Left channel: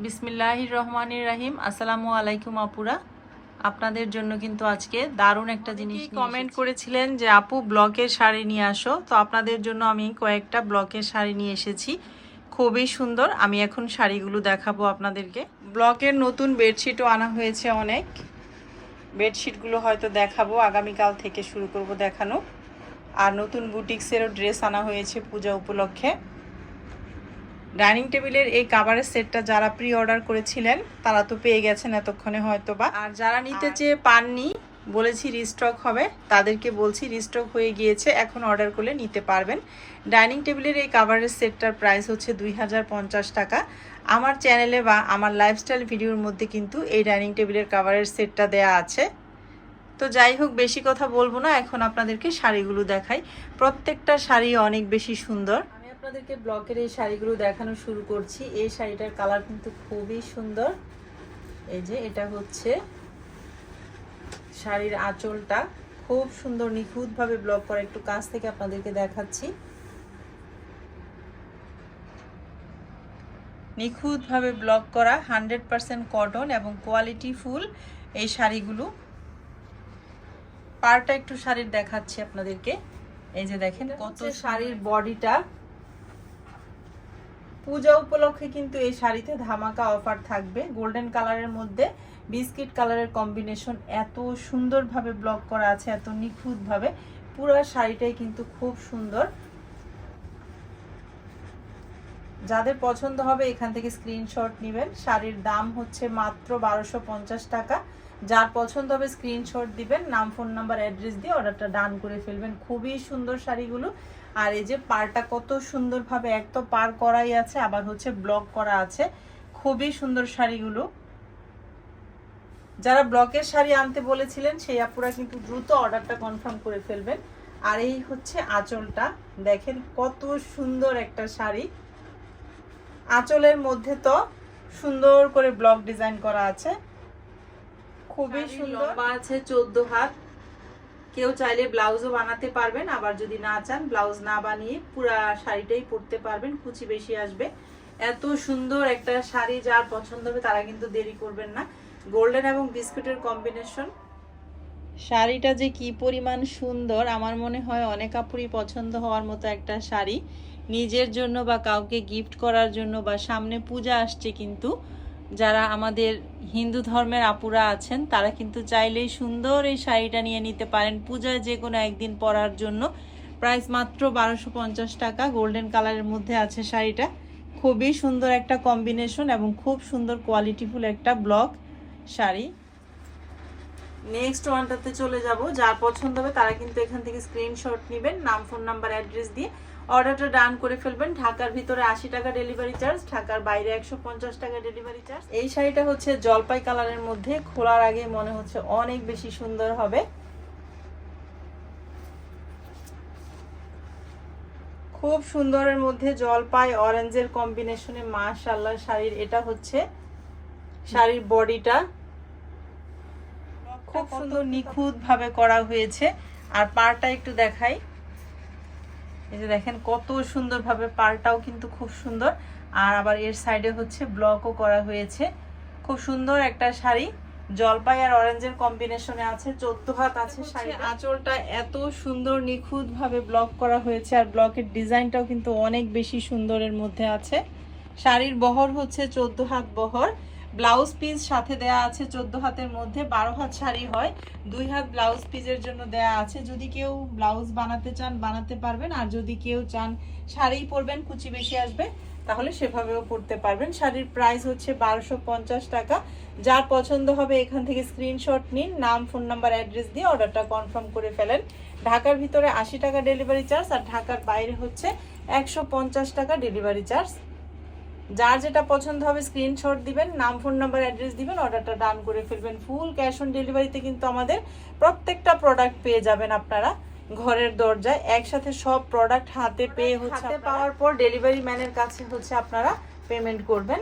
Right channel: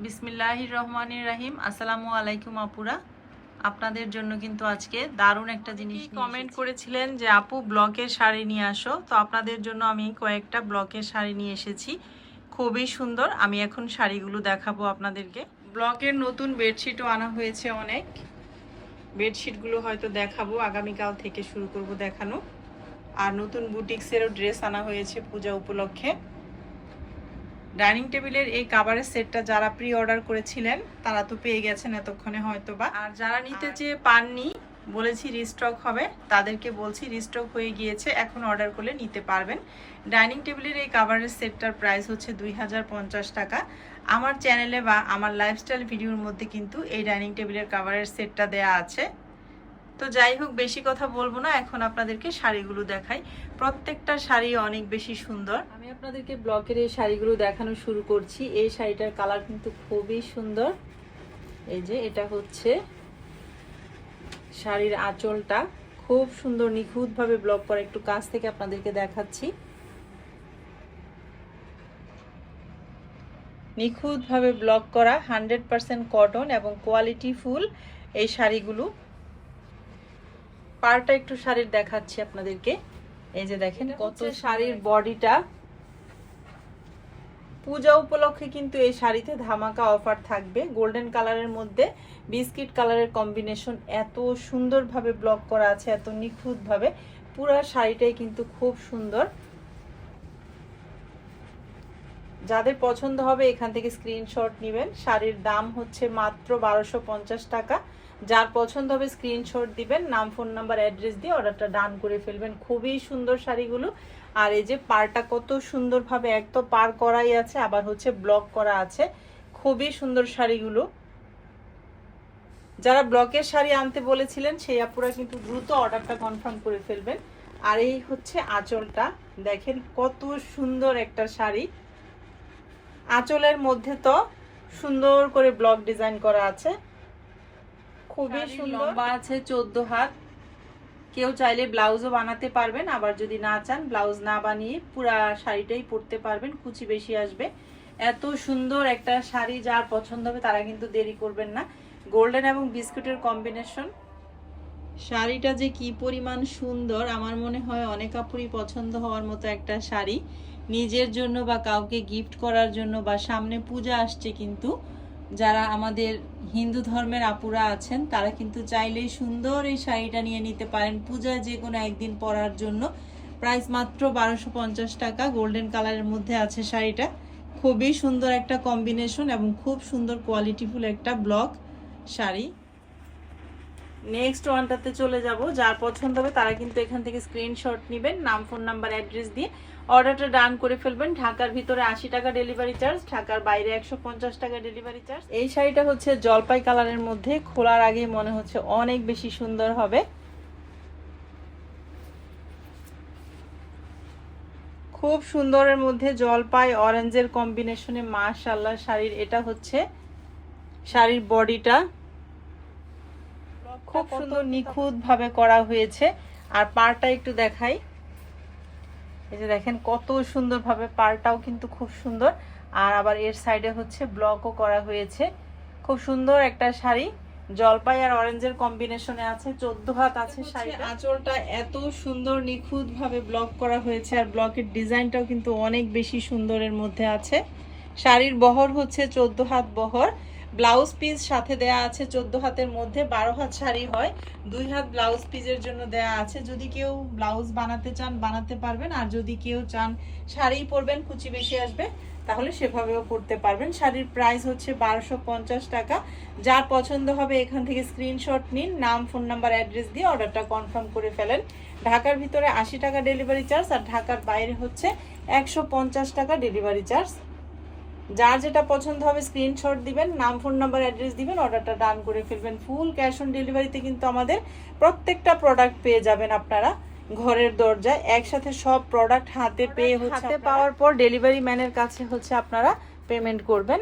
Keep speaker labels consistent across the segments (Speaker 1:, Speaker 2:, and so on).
Speaker 1: বিসমিল্লাহির রহমানির রাহিম। আসসালামু আলাইকুম আপুরা। আপনাদের জন্য কিন্তু আজকে দারুণ একটা জিনিস কমেন্ট করেছিলেন যে আপু ব্লকের শাড়ি নিয়ে আসো? তো আপনাদের জন্য আমি কয়েকটা ব্লকের শাড়ি নিয়ে এসেছি। খুবই সুন্দর। আমি এখন শাড়িগুলো দেখাবো আপনাদেরকে। ব্লকের নতুন বেডশিটও আনা হয়েছে অনেক। বেডশিটগুলো হয়তো দেখাবো। আগামীকাল থেকে শুরু করব দেখানো। আর নতুন বুটিক্সেরও ড্রেস আনা হয়েছে পূজা উপলক্ষে। ডাইনিং টেবিলের এই কাভারের সেটটা যারা প্রি অর্ডার করেছিলেন তারা তো পেয়ে গেছেন এতক্ষণে হয়তো বা আর যারা নিতে চেয়ে পাননি বলেছি রিস্টক হবে তাদেরকে বলছি রিস্টক হয়ে গিয়েছে এখন অর্ডার করলে নিতে পারবেন। ডাইনিং টেবিলের এই কাভারের সেটটার প্রাইস হচ্ছে দুই হাজার পঞ্চাশ টাকা। আমার চ্যানেলে বা আমার লাইফস্টাইল ভিডিওর মধ্যে কিন্তু এই ডাইনিং টেবিলের কাভারের সেটটা দেয়া আছে। তো যাই হোক বেশি কথা বলব না এখন আপনাদেরকে শাড়িগুলো দেখাই। প্রত্যেকটা শাড়ি অনেক বেশি সুন্দর। আপনাদেরকে ব্লকের এই শাড়িগুলো দেখানো শুরু করছি। এই শাড়িটার কালার কিন্তু খুবই সুন্দর। এই যে এটা হচ্ছে শাড়ির আঁচলটা। খুব সুন্দর নিখুঁতভাবে ব্লক করা একটু কাছ থেকে আপনাদেরকে দেখাচ্ছি। নিখুঁতভাবে ব্লক করা হান্ড্রেড পারসেন্ট কটন এবং কোয়ালিটি ফুল এই শাড়িগুলো। পারটা একটু শাড়ির দেখাচ্ছি আপনাদেরকে। এই যে দেখেন কত শাড়ির বডিটা। পূজা উপলক্ষে কিন্তু এই শাড়িতে ধামাকা অফার থাকবে। গোল্ডেন কালারের মধ্যে বিস্কিট কালারের কম্বিনেশন এত সুন্দরভাবে ব্লক করা আছে, এত নিখুঁতভাবে। পুরো শাড়িটাই কিন্তু খুব সুন্দর। যাদের পছন্দ হবে এখান থেকে স্ক্রিনশট নেবেন। শাড়ির দাম হচ্ছে মাত্র বারোশো টাকা। যার পছন্দ হবে স্ক্রিনশট দিবেন, নাম ফোন নাম্বার অ্যাড্রেস দিয়ে অর্ডারটা ডান করে ফেলবেন। খুবই সুন্দর শাড়িগুলো। আর এই যে পারটা কত সুন্দরভাবে এক তো পার করাই আছে আবার হচ্ছে ব্লক করা আছে। খুবই সুন্দর শাড়িগুলো। যারা ব্লকের শাড়ি আনতে বলেছিলেন সেই আপুরা কিন্তু দ্রুত অর্ডারটা কনফার্ম করে ফেলবেন। আর এই হচ্ছে আঁচলটা। দেখেন কত সুন্দর একটা শাড়ি। আঁচলের মধ্যে তো সুন্দর করে ব্লক ডিজাইন করা আছে। খুবই সুন্দর। আছে চোদ্দ হাত। কেউ চাইলে ব্লাউজও বানাতে পারবেন, আবার যদি না চান, ব্লাউজ না বানিয়ে পুরা শাড়িটাই পরতে পারবেন, কুচি বেশি আসবে। এত সুন্দর একটা শাড়ি যার পছন্দ হবে তারা কিন্তু দেরি করবেন না। গোল্ডেন এবং বিস্কুটের কম্বিনেশন শাড়িটা যে কি পরিমাণ সুন্দর, আমার মনে হয় অনেক আপুরই পছন্দ হওয়ার মতো একটা শাড়ি। নিজের জন্য বা কাউকে গিফট করার জন্য বা সামনে পূজা আসছে কিন্তু যারা আমাদের হিন্দু ধর্মের আপুরা আছেন, তারা কিন্তু চাইলেই সুন্দর এই শাড়িটা নিয়ে নিতে পারেন। পূজা যে কোনো একদিন পরার জন্য প্রাইস মাত্র বারোশো টাকা। গোল্ডেন কালারের মধ্যে আছে শাড়িটা। খুবই সুন্দর একটা কম্বিনেশন এবং খুব সুন্দর কোয়ালিটিফুল একটা ব্লক শাড়ি। নেক্সট ওয়ানটাতে চলে যাব। যার পছন্দ হবে তারা কিন্তু এখান থেকে স্ক্রিনশট নেবেন, নাম ফোন নাম্বার অ্যাড্রেস দিয়ে। অর্ডারটা ডান করে ফেলবেন। ঢাকার ভিতরে আশি টাকা ডেলিভারি চার্জ, ঢাকার বাইরে একশো পঞ্চাশ টাকা ডেলিভারি চার্জ। এই শাড়িটা হচ্ছে জলপাই কালারের মধ্যে। খোলার আগেই মনে হচ্ছে অনেক বেশি সুন্দর হবে। খুব সুন্দরের মধ্যে জলপাই অরেঞ্জের কম্বিনেশনে মাশাল্লাহ শাড়ির এটা হচ্ছে শাড়ির বডিটা খুব সুন্দর নিখুঁত ভাবে করা হয়েছে। আর পারটা একটু দেখাই। এই যে দেখেন কত সুন্দরভাবে পারটাও কিন্তু খুব সুন্দর। আর আবার এর সাইডে হচ্ছে ব্লকও করা হয়েছে। খুব সুন্দর একটা শাড়ি। জলপাই আর অরেঞ্জের কম্বিনেশনে আছে চোদ্দ হাত আছে শাড়ি আঁচলটা এত সুন্দর নিখুঁত ভাবে ব্লক করা হয়েছে আর ব্লকের ডিজাইনটাও কিন্তু অনেক বেশি সুন্দরের মধ্যে আছে। শাড়ির বহর হচ্ছে চোদ্দ হাত বহর। ব্লাউজ পিস সাথে দেয়া আছে চোদ্দ হাতের মধ্যে, বারো হাত শাড়ি হয়, দুই হাত ব্লাউজ পিসের জন্য দেয়া আছে। যদি কেউ ব্লাউজ বানাতে চান, বানাতে পারবেন। আর যদি কেউ চান শাড়ি পরবেন, কুচি বেশি আসবে, তাহলে সেভাবেও পরতে পারবেন। শাড়ির প্রাইস হচ্ছে বারোশো পঞ্চাশ টাকা। যার পছন্দ হবে এখান থেকে স্ক্রিনশট নিন, নাম ফোন নাম্বার অ্যাড্রেস দিয়ে অর্ডারটা কনফার্ম করে ফেলেন। ঢাকার ভিতরে আশি টাকা ডেলিভারি চার্জ আর ঢাকার বাইরে হচ্ছে একশো পঞ্চাশ টাকা ডেলিভারি চার্জ যার যেটা পছন্দ হবে স্ক্রিনশট দিবেন নাম ফোন নাম্বার অ্যাড্রেস দিবেন অর্ডারটা ডান করে ফেলবেন। ফুল ক্যাশ অন ডেলিভারিতে কিন্তু আমাদের প্রত্যেকটা প্রোডাক্ট পেয়ে যাবেন আপনারা ঘরের দরজায়। একসাথে সব প্রোডাক্ট হাতে পেয়ে হচ্ছে হাতে পাওয়ার পর ডেলিভারি ম্যানের কাছে হচ্ছে আপনারা পেমেন্ট করবেন।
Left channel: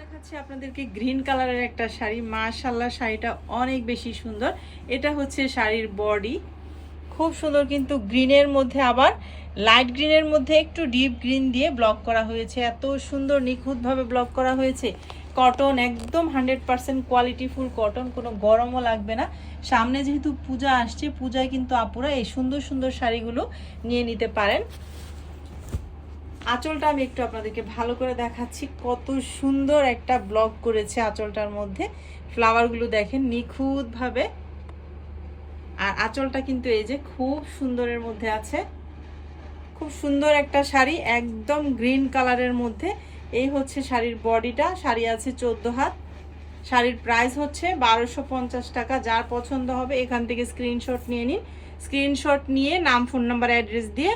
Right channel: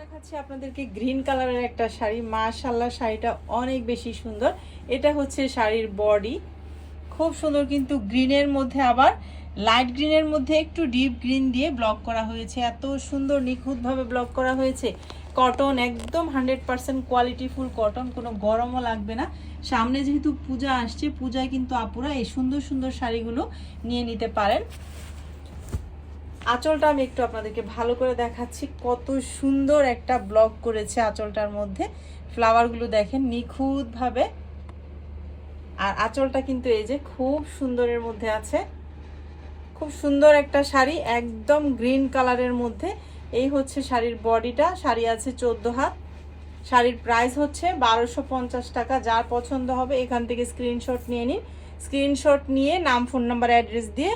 Speaker 1: দেখাচ্ছি আপনাদেরকে গ্রিন কালারের একটা শাড়ি। মাশাল্লাহ শাড়িটা অনেক বেশি সুন্দর। এটা হচ্ছে শাড়ির বডি খুব সুন্দর কিন্তু গ্রিনের মধ্যে আবার, লাইট গ্রিনের মধ্যে একটু ডিপ গ্রিন দিয়ে ব্লক করা হয়েছে। এত সুন্দর, নিখুঁতভাবে ব্লক করা হয়েছে। কটন একদম হান্ড্রেড পার্সেন্ট কোয়ালিটিফুল কটন, কোনো গরমও লাগবে না। সামনে যেহেতু পূজা আসছে, পূজায় কিন্তু আপুরা এই সুন্দর সুন্দর শাড়িগুলো নিয়ে নিতে পারেন। আঁচলটা আমি একটু আপনাদেরকে ভালো করে দেখাচ্ছি। কত সুন্দর একটা ব্লক করেছে আঁচলটার মধ্যে। ফ্লাওয়ারগুলো দেখেন, নিখুঁতভাবে আর আঁচলটা কিন্তু এই যে খুব সুন্দরের মধ্যে আছে। খুব সুন্দর একটা শাড়ি, একদম গ্রিন কালারের মধ্যে। এই হচ্ছে শাড়ির বডিটা, শাড়ি আছে চোদ্দ হাত। শাড়ির প্রাইস হচ্ছে বারোশো পঞ্চাশ টাকা, যার পছন্দ হবে এখান থেকে স্ক্রিনশট নিয়ে নিন। স্ক্রিনশট নিয়ে নাম, ফোন নাম্বার, অ্যাড্রেস দিয়ে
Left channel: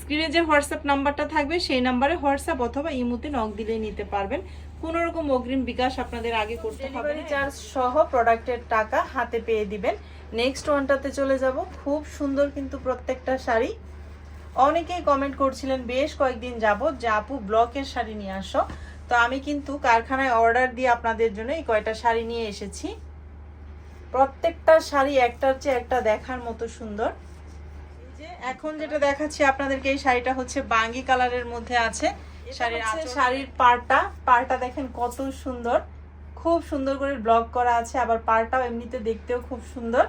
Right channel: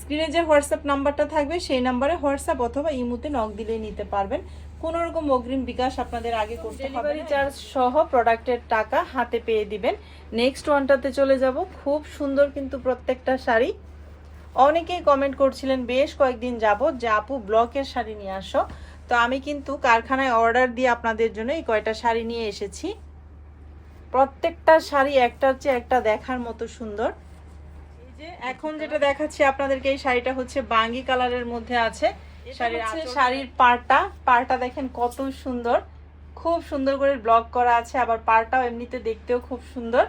Speaker 1: স্ক্রিনে যে হোয়াটসঅ্যাপ নাম্বারটা থাকবে, সেই নাম্বারে হোয়াটসঅ্যাপ অথবা ইমুতে নক দিলেই নিতে পারবেন। কোনো রকম অগ্রিম বিকাশ আপনাদের আগে করতে হবে চার্জ সহ প্রোডাক্টের টাকা হাতে পেয়ে দিবেন। নেক্সট ওয়ানটাতে চলে যাব। খুব সুন্দর কিন্তু প্রত্যেকটা শাড়ি। অনেকেই কমেন্ট করছিলেন বেশ কয়েকদিন যাবত যে আপু ব্লকের শাড়ি নিয়ে আসো। তো আমি কিন্তু কারখানায় অর্ডার দিয়ে আপনাদের জন্য এই কয়টা শাড়ি নিয়ে এসেছি। প্রত্যেকটা শাড়ি একটার চেয়ে একটা দেখার মতো সুন্দর। এখন যেটা দেখাচ্ছি আপনাদেরকে এই শাড়িটা হচ্ছে বাঙ্গি কালারের মধ্যে আছে। শাড়ির শাড়ির পাড়টা। পাড়টা দেখেন কত সুন্দর। খুব সুন্দর করে ব্লক করা আছে আবার পাড়টাও এমনিতে দেখতেও খুব সুন্দর।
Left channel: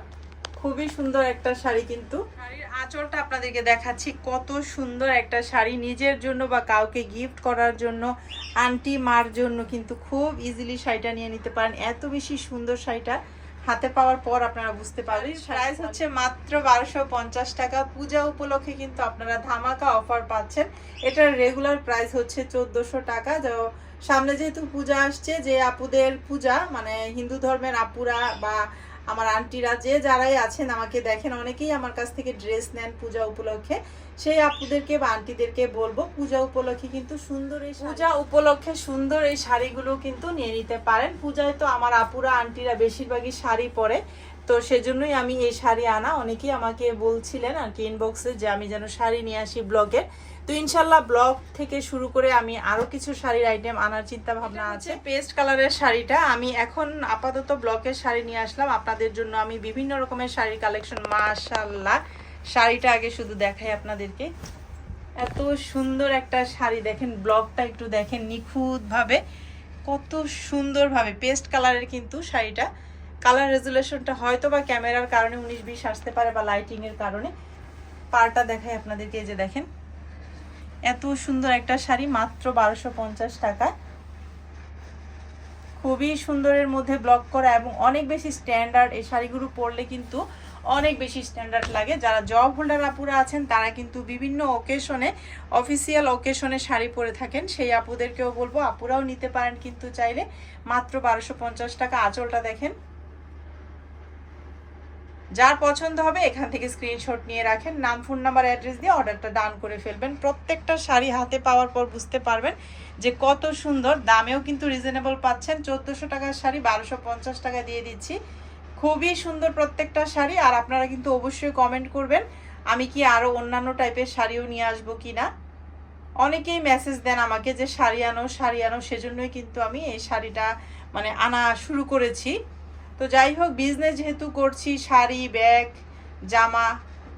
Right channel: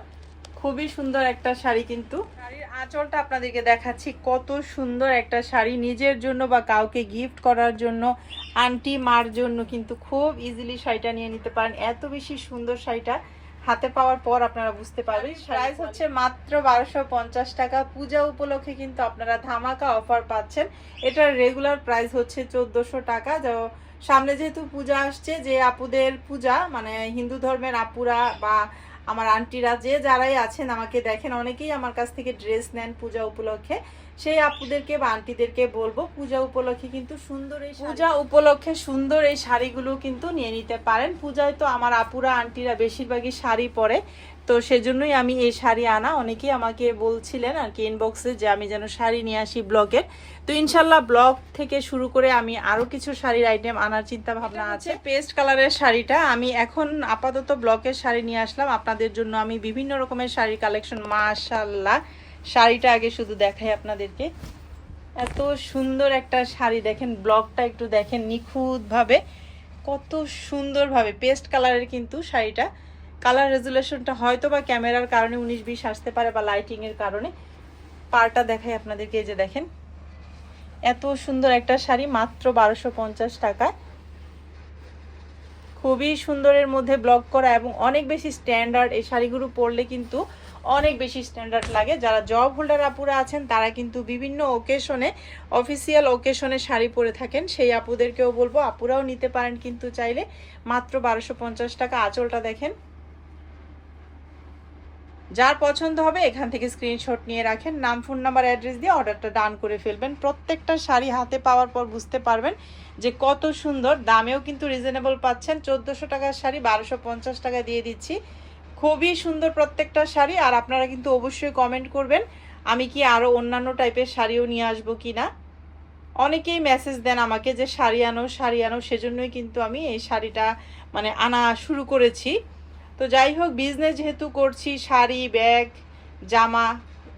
Speaker 1: খুবই সুন্দর একটা শাড়ি কিন্তু। শাড়ির আঁচলটা আপনাদেরকে দেখাচ্ছি কত সুন্দর একটা শাড়ি। নিজের জন্য বা কাউকে গিফট করার জন্য আন্টি মার জন্য কিন্তু খুব ইজিলি শাড়িটা নিয়ে নিতে পারেন। এত বেশি সুন্দর শাড়িটা। হাতে পাওয়ার পর আপনারা বুঝতে পারবেন প্রাইস হচ্ছে মাত্র বারোশো পঞ্চাশ টাকা। পূজা উপলক্ষে কিন্তু আপনারা ধামাকা অফার পাচ্ছেন। এটার রেগুলার প্রাইস হচ্ছে চোদ্দোশো টাকা। যা সামনে যেহেতু পূজা আসছে যে আপুদের পূজা মানে হিন্দু ধর্মের আপুরা বা আমার আন্টিরা যে যারাই আছেন, আমাকে দেখেন, অনেকেই আমার কাছ থেকে ড্রেস নেন পূজা উপলক্ষে। সেই আপুদেরকে বা আন্টিদেরকে বলব, পূজা উপলক্ষে কিন্তু সুন্দর এই পূজা উপলক্ষে সুন্দর এই শাড়িগুলো কিন্তু নিয়ে নিতে পারেন। পূজায় তো আমার আপুরা, আন্টিরা বেশিরভাগই শাড়ি পরে। তো সেজন্যই আমি এই শাড়ি আনা। অনেকেই আমাকে বলছিলেন আর কি ইনবক্সে যে আমি যেন শাড়ি নিয়ে আসি ব্লগের তো ইনশাল্লাহ ব্লগ থেকে শুরু করে আমি আরও কিছু শাড়ির আইটেম আনার চিন্তা ভাবনা আছে। পেস্ট কালারের শাড়িটা। আমি এখন আপাতত ব্লকের শাড়ি নিয়ে আসলাম। আপনাদের জন্য আমি বিভিন্ন রকমের শাড়ির কালেকশন মাশাল্লাহ শাড়িটা আগে শুধু দেখাই আপনাদেরকে। এত সুন্দর একটা শাড়ি দেখেন ব্লকটা একটু দেখেন নিখুঁতভাবে। কত সুন্দরভাবে পেস্ট কালারের কিন্তু শাড়িটা। কালার রেজুলেশনটা হয়তো বা ক্যামেরার কারণে উনিশ বিশ আসতে পারে বা লাইটিং এর কারণে। পারটা দেখাই আপনাদেরকে যে দেখেন। এত সুন্দর একটা শাড়ি, মাত্র বারোশো পঞ্চাশ টাকায়। খুবই সুন্দরের মধ্যে ব্লক করা এবং অনেক বেশি স্ট্যান্ডার্ড এই শাড়িগুলো পরলে কিন্তু অনেক বেশি স্ট্যান্ডার্ড লাগে। যারা জব হোল্ডার আপুরা আছেন, তারা কিন্তু বিভিন্ন ওকেশনে অফিসিয়াল ওকেশনে শাড়ি পরে থাকেন। সেই আপুদেরকেও বলব, আপুরাও নিতে পারেন কিন্তু চাইলে। মাত্র বারোশো টাকা, আঁচলটা দেখেন। যার পছন্দ হবে এখান থেকে স্ক্রিনশট নিয়ে রাখেন, নাম ফোন নাম্বার অ্যাড্রেস দিয়ে অর্ডারটা ডান করে ফেলবেন। প্রত্যেকটা শাড়ি হাতে পাওয়ার পর বুঝতে পারবেন যে কত সুন্দর, দামেও কিন্তু রিজনেবল পাচ্ছেন। চোদ্দোশো টাকার শাড়ি, বারোশো পঞ্চাশ টাকা দিয়ে দিচ্ছি। খুবই সুন্দর প্রত্যেকটা শাড়ি আর আপনারা কিন্তু অবশ্যই কমেন্ট করবেন, আমি কি আরও অন্যান্য টাইপের শাড়িও নিয়ে আসব কি না অনেকেই মেসেজ দেন আমাকে যে শাড়ি আনো শাড়ি আনো, সেজন্যই কিন্তু আমি এই শাড়িটা মানে আনা শুরু করেছি। তো যাই হোক বিজনেস যেহেতু করছি, শাড়ি ব্যাগ জামা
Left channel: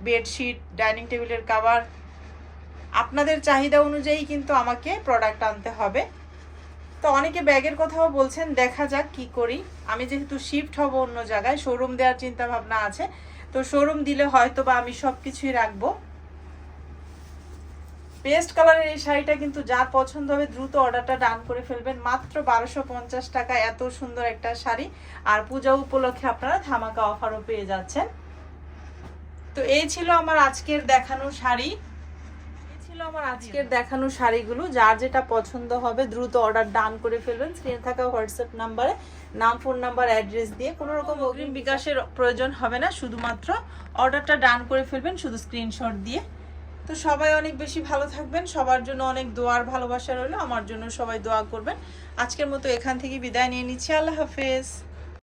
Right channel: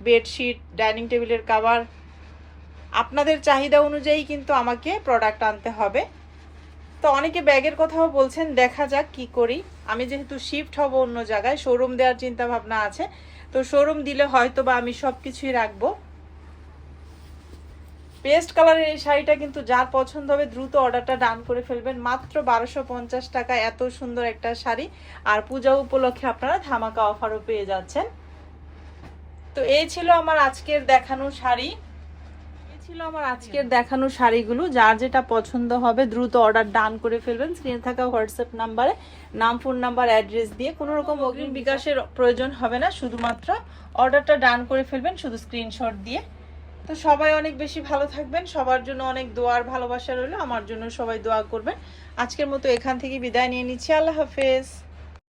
Speaker 1: বেডশিট ডাইনিং টেবিলের কাভার আপনাদের চাহিদা অনুযায়ী কিন্তু আমাকে প্রোডাক্ট আনতে হবে। তো অনেকে ব্যাগের কথাও বলছেন, দেখা যাক কি করি। আমি যেহেতু শিফট হব অন্য জায়গায় শোরুম দেওয়ার চিন্তা ভাবনা আছে। তো শোরুম দিলে হয়তো বা আমি সব কিছুই রাখব। পেস্ট কালারের এই শাড়িটা কিন্তু যার পছন্দ হবে দ্রুত অর্ডারটা ডান করে ফেলবেন। মাত্র বারোশো পঞ্চাশ টাকা এত সুন্দর একটা শাড়ি। আর পূজা উপলক্ষে আপনারা ধামাকা অফারও পেয়ে যাচ্ছেন। তো এই ছিল আমার আজকের দেখানো শাড়ি। ছিল আমার আজকের দেখানো শাড়িগুলো। যার যেটা পছন্দ হবে দ্রুত অর্ডার ডান করে ফেলবেন। স্ক্রিনে থাকা হোয়াটসঅ্যাপ নাম্বারে নাম, ফোন নাম্বার, অ্যাড্রেস দিয়ে কোনো রকম অগ্রিম বিকাশের প্রয়োজন হবে না। শুধুমাত্র অর্ডারটা ডান করে ফেলবেন। শুধু স্ক্রিনশট দিয়ে তো সবাই অনেক বেশি ভালো থাকবেন, সবার জন্য অনেক দোয়ার ভালোবাসা রইল, আমার জন্য সবাই দোয়া করবেন। আজকের মতো এখান থেকে বিদায় নিয়ে নিচ্ছি, আল্লাহ হাফেজ।